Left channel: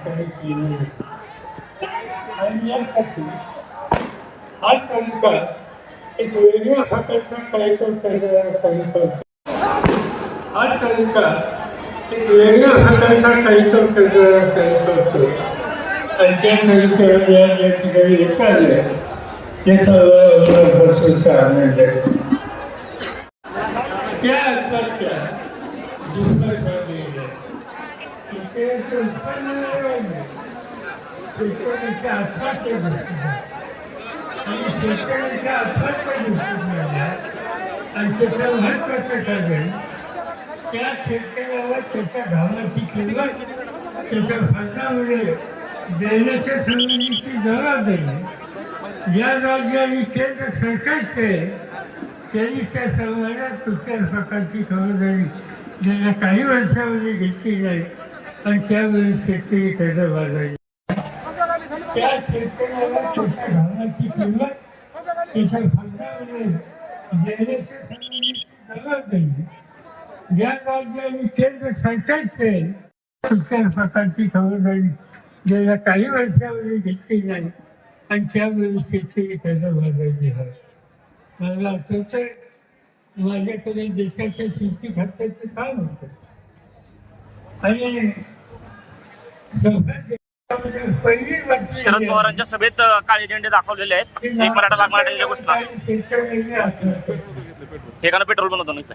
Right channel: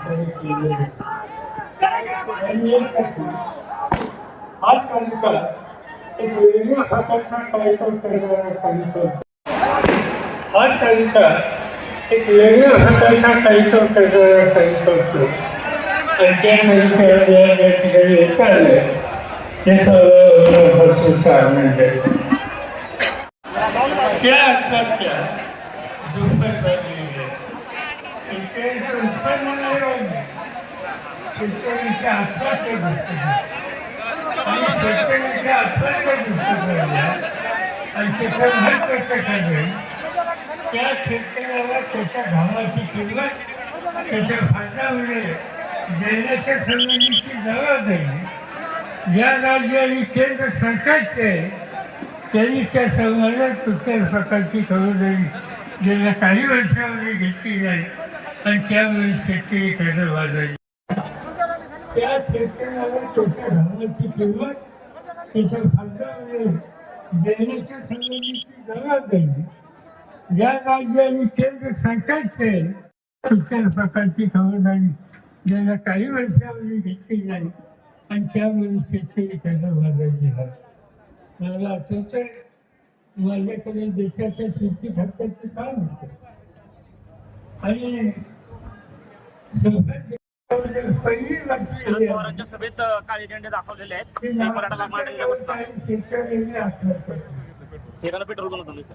काही केलं हा तालुका एक वेगळ्या प्रकारचा कार्यक्रम करणारा तालुका होता. हा तालुका एक वेगळ्या प्रकारचा कार्यक्रम करणारा सांगितलं होतो आणि त्या तालुक्याला या ठिकाणी येत आलं त्याचा भरपूरचा आनंद आहे त्या अर्थाच्या दुप्पट झालेली आहे शेतकऱ्याचं उत्पन्न नाही वाढलं शेतकऱ्याच्या आत्महत्या दिसत आणि शेतकऱ्याच्या आत्महत्या दिसत राहिल्या आणि त्याचा कसं ठरलं त्या शेतकऱ्याला त्याच्या घामाची किंमत त्याच्या फासामध्ये देण्याच्या संबंधीची जबाबदारी ज्या राज्य आणि केंद्र सरकारचे त्यांनी त्या सर्वांना कुठल्याही प्रकारची खबरदारी गेल्या काही वर्षामध्ये घेतली जाईल आणि त्यावेळी शेतकरी कर्ज बाजारी त्या शेतकऱ्याला छोट्या घालाची किंमत त्याच्या खर्चामध्ये देण्याच्या संबंधीची जबाबदारी. ज्या राज्य आणि केंद्र सरकारचे कुठल्याही प्रकारची खबरदारी गेल्या काही वर्षामध्ये घेतली जाईल आणि त्यावेळी शेतकरी कर्ज बाजारी आहे. मला तर माझ्याकडे देशाच्या शेती खात्याचं काम होतं आणि गोष्ट शरद पवारांच्या सभेत काळे झेंडे दाखवलेले आहेत. एक मराठा लाग मराठा केली. ठिकाणं पेट्रोल बनवतो ना इथे.